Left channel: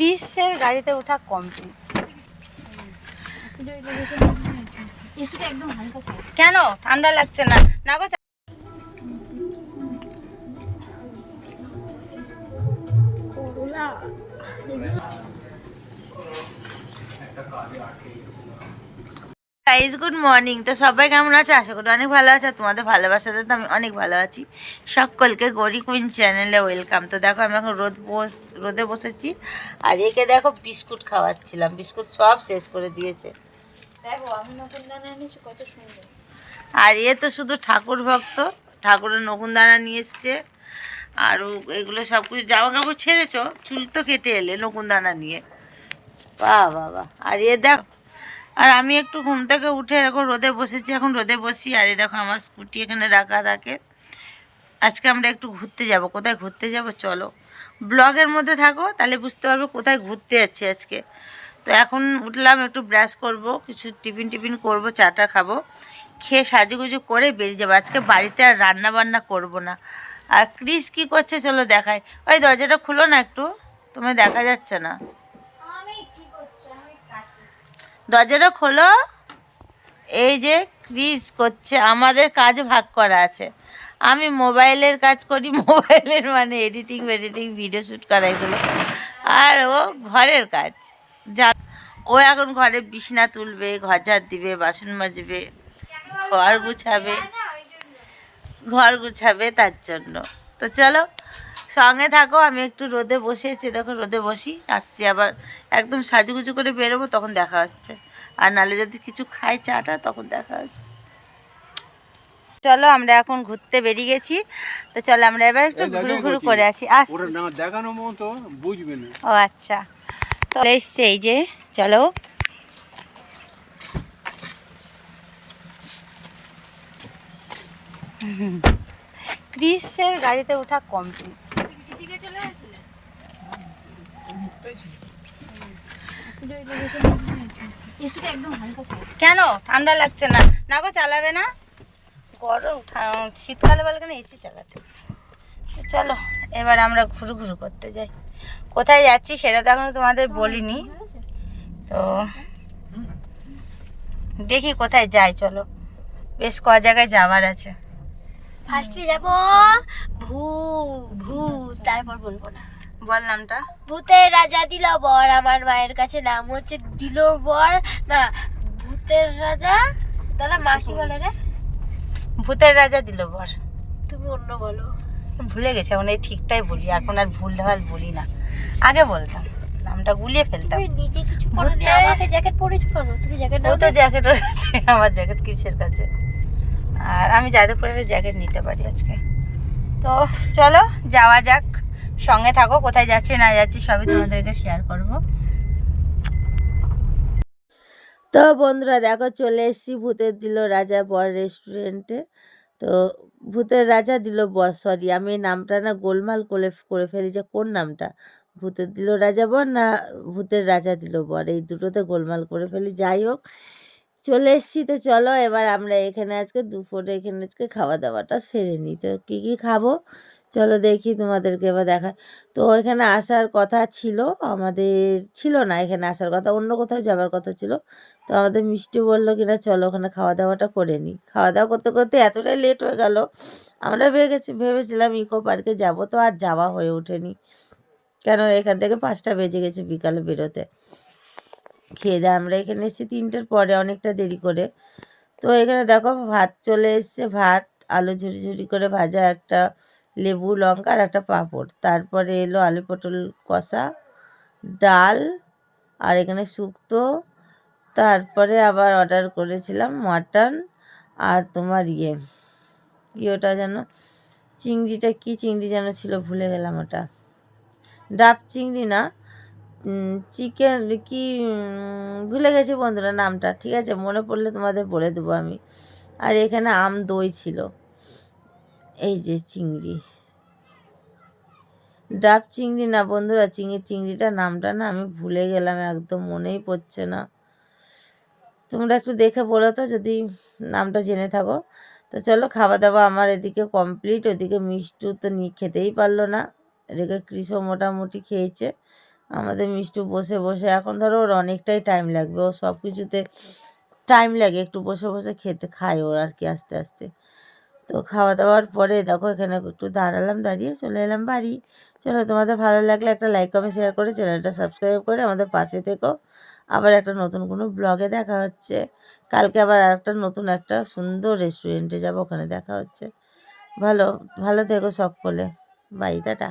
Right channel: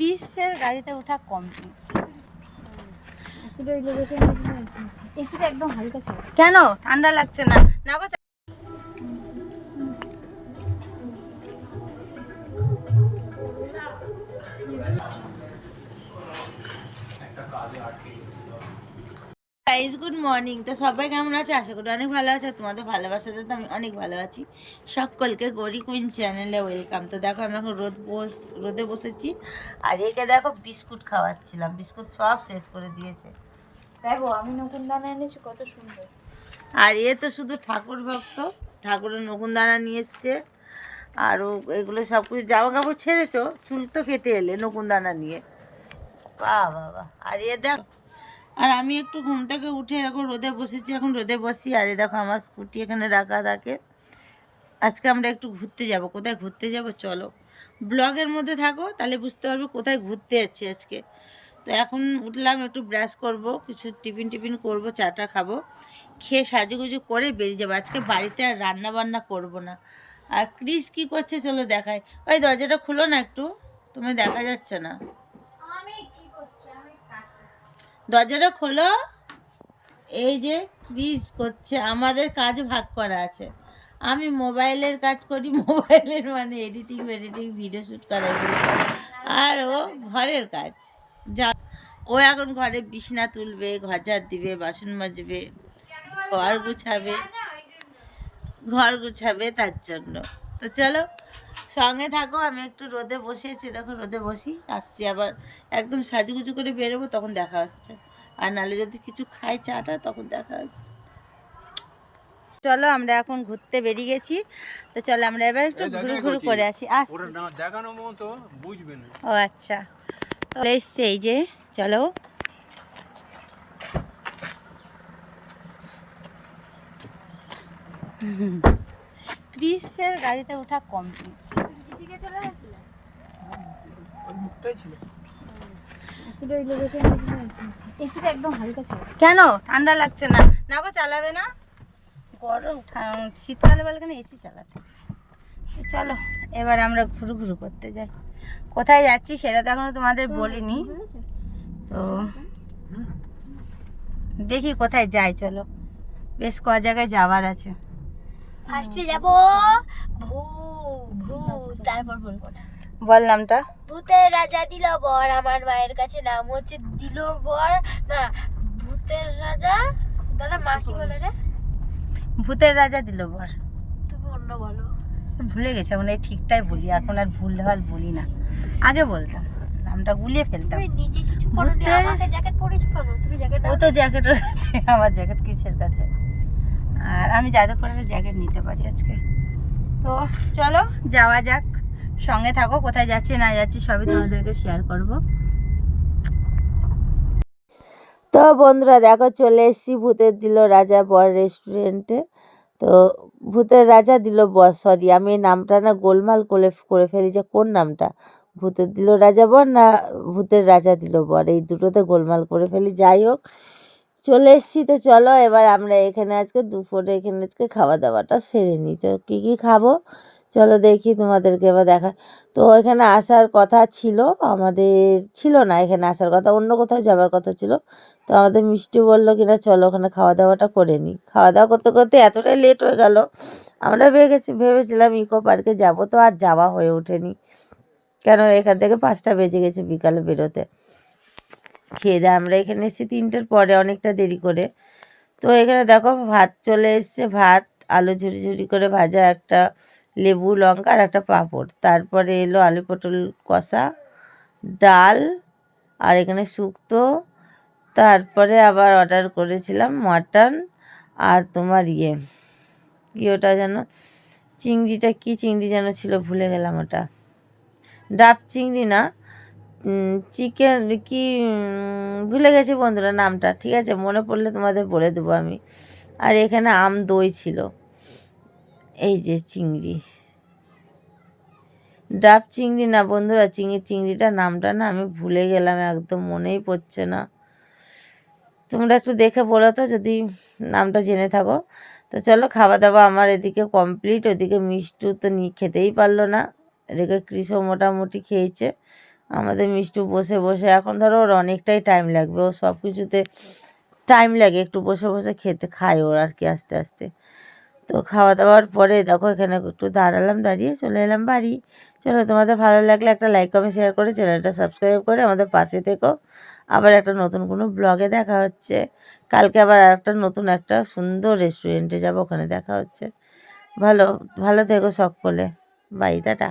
ক্রিসের গাড়িতে ওঠা কমপ্লিট এসিটা একদম হালকা কেন? ঠান্ডা লাগছে না। না গো গাইজ গুড মর্নিং তো সবাই কেমন আছে? আশা করি অনেক ভালো আছে। তোমাদের ভালোবাসাতে তো আমি অনেক ভালো আছি। সকলকে গরি কুইন চ্যানেলে ওয়েলকাম তো দেখো আমি এখন রোদ বস রোদে বসেছি। আর একে দেখো বিস্কুট খাওয়াচ্ছিলাম। বিস্কুট সব শেষ করে দিয়েছে। দেখো আমি নতুন দানা এনেছি কত সুন্দর। আর এ তো শুধু ঠাকুর ভক্ত। ঠাকুরের নকুনদানা নিয়ে এসছে। আর এগুলো সব কিছু জামা কাপড় ছেড়েছো? চুল তো কেটে এলে নকুনদানা নিয়ে। বাহ বাবা আর এ দেখো আর আমি একটু ঘুম থেকে উঠে এখন রোদে বসেছি, এখন রোদে বসি। আর দেখো আমার স্কুটি এখানে রাখা থাকে। আজকে আমরা একটু ঘুরতে যাব। কোথায় ঘুরতে যাব? চলো। ব্লগের মধ্যে থাকো, তাহলে বুঝতে পারবে কোথায় ঘুরতে যাচ্ছি আজকে। তো এখন উঠলাম, একটু ব্রাশ করব, কিছু টিফিন টিফিন করব, চাটা খাব। খেয়ে সাজুগুজু করে বেরিয়ে যাব। আজকে বাড়িতে আর রান্না বান্না করব না। আর ক্রিস কি করছে চলো দেখাই। ওই দরজাটা খুলো না একটু, তোমায় দেখা যাচ্ছে না। দরজাটা খোলো। এই যে ক্রিস করছে, আমাদের কাজ ভাগ করা আছে। আমি মোবাইলের কাজ করি, মোবাইলের মানে এডিটিং এডিটিং ভিডিও শ্যুট করা এগুলো। আর ও ঘরের কাজ। যা, ও এখন ঘরে বিছনা তুলবে ঘর দিবে, বাসন মাজবে, ঘর গুছাবে ঘর গুছাবে তার জন্য। তো চলো সঙ্গে থাকো আমি একটু রোদে বসেছি দেখো রোদে বসি আসছি আবার একদম সাজুগুজু করে বেরোবো তখন দেখা হচ্ছে। আর নালে যদি কিছু খাই চাটা তখন দেখা হচ্ছে। চলো আমরা এখন ঘুরতে বেরিয়ে গেছি। তো চলো আমরা এবার একটু ঘুরু ঘুরু করে আসি। আসছি ও আচ্ছা। তো এসছে এই যে চলো। ক্রিসের গাড়িতে ওঠা কমপ্লিট কেন? ঠান্ডা লাগছে না। না গো চালাবে না। গরম শীতকালে বলে কেন এসি চালাতে? তো চলো এবার আমরা ঘুরু ঘুরু করতে যাই। কোথায় যাচ্ছি সেটা তো এখনও তোমাদের বলিনি। তো দেখি কোথায় যাই চলো। বেশ ক জায়গায় যাওয়ার আছে। ফার্স্টে যাব ভূ ভূত তারপর বলব না। বল নামটা। ভূতের রাজা দিল বর আমার মায়ের কাছে নাম হচ্ছে দিল বর। না ভূতের রাজা? দাদা মা কি বলে রে? ভূতের রাজা দিল বর। তুমি অন্য বলো। ভুলে গেছে এখন এই ঠিকটাই বলি এখন আর ভুল ভালো বলি না। আগে বলতাম নামটা গুলিয়ে ফেলতাম। ভূতের- জ্যাকেট পরেছো কেন? তুমি জ্যাকেট ও তো জ্যাকেট রয়েছে আমার জ্যাকেট কিসের কাছে? আর আমি যাদবপুরের জ্যাকেট নিতে পারি আজকে। তো চলো, যাওয়া যাক। সঙ্গে থাকো, কোথায় যাচ্ছি, না যাচ্ছি, সবই তোমাদেরকে শেয়ার করব। তো বন্ধুরা, দেখো, চলে এসেছি ভূতের দিল রাজা বর রেস্টুরেন্টে তো ভূতের রাজা দিল বর সরি আমি নামটা না গোলমাল করে করে ফেলি যে কোন নামটা? ভূতের দিল রাজা বর না ভূতের রাজা দিল বর? এই দুটোতে গোলমাল করে ফেলি, যাই হোক। চলে এসেছি, তো চলো এবার আমরা এখানে আজকে দুপুরে এখানে আজকে খাওয়া দাওয়াটা সেরে নিই। তো কী কী খাব? চলো দেখি তোমাদেরকে এবার দেখা। তো এখানে আসার কথা ছিল, আমাদের ছিল না এখানে আসার কথা, অন্য কোথাও যাবার কথা ছিল। তো আমাদের মিষ্টি বলল কিনা চলো ওখানে খাওয়া দাওয়াটা করে নিই। খাওয়া দাওয়া করতে করতে এতটাই লেট হয়ে গেল, আমরা ভেবেছি ভেবেছিলাম ইকো পার্কে যাব, তো আর যাওয়া হয়ে ওঠেনি। কেন? এখান থেকে পাঁচটা বেজে গেছে বিকালে বেরোতে। খেয়ে দিয়ে আমরা এখানে এসেছি তিনটের পরে, অনেকটা দেরি করে। তো এখানে দেখো ভাত চলে এসছে, ভাত, আলু ঝুরি ঝুরি করে ভাজা, একটা লেবু, লঙ্কা আর একটা পাঁপড়। তারপরে এলো আলু পটল কষা, ডাল আর এখানে শুক্তো। তারপরে আবার অর্ডার করেছিলাম মাটন আর তোমার ইয়ে কি ওটা যেন, চিংড়িটা কি চিংড়ি যেন ছিল, ভুলে গেলাম ওটা। ডাব চিংড়ি না চিকেন কি ভুলে গেছি বন্ধুরা নামটা, ঠিক আছে? মনে পড়লে তোমাদের বলে দেবো আমি। আর এখানে আম দই ছিল। এই যে চিংড়ি। ডাব চিংড়ি না বন্ধুরা, চিংড়ি, চিংড়িটা নামটা না আমি ভুলে গেলাম, একদম মনেই পড়ছে না। তোমরা একটু দেখে বলো তো, যদি নামটা জেনে থাকো। তো চলো খাওয়া দাওয়া আমার এদিকে কমপ্লিট ওদিকে মিষ্টু তো নিয়ে খেতেই পারল না। এদিকে কৃষও মোটামুটি খেয়েছে। আমাদের মিষ্টু বসে বসে, এখন ধরো ওর অনেকটাই টাইম লাগবে, ও সব কিছুতে টাইম লাগে, একটু বসে বসে খেতে খায় ওর আর কি আস্তে আস্তে। তো খাওয়া দাওয়ার পরে দেখো এখানে একটু দাঁড়ালাম, দাঁড়িয়ে চলে এলাম বাড়ি। চলো, তোমাদের ভালো লাগলে একটা লাইক কমেন্ট শেয়ার করে চ্যানেলটা সাবস্ক্রাইব করে আমাদের পাশে থেকো। আবার একটা নতুন কোনো ব্লগে দেখা হচ্ছে। কালকে আবার একটা নতুন একটা সুন্দর রেস্টুরেন্টে যাব, ওখানে দেখা হচ্ছে। ভালো ভালো থেকো সকলে। Bye, tata.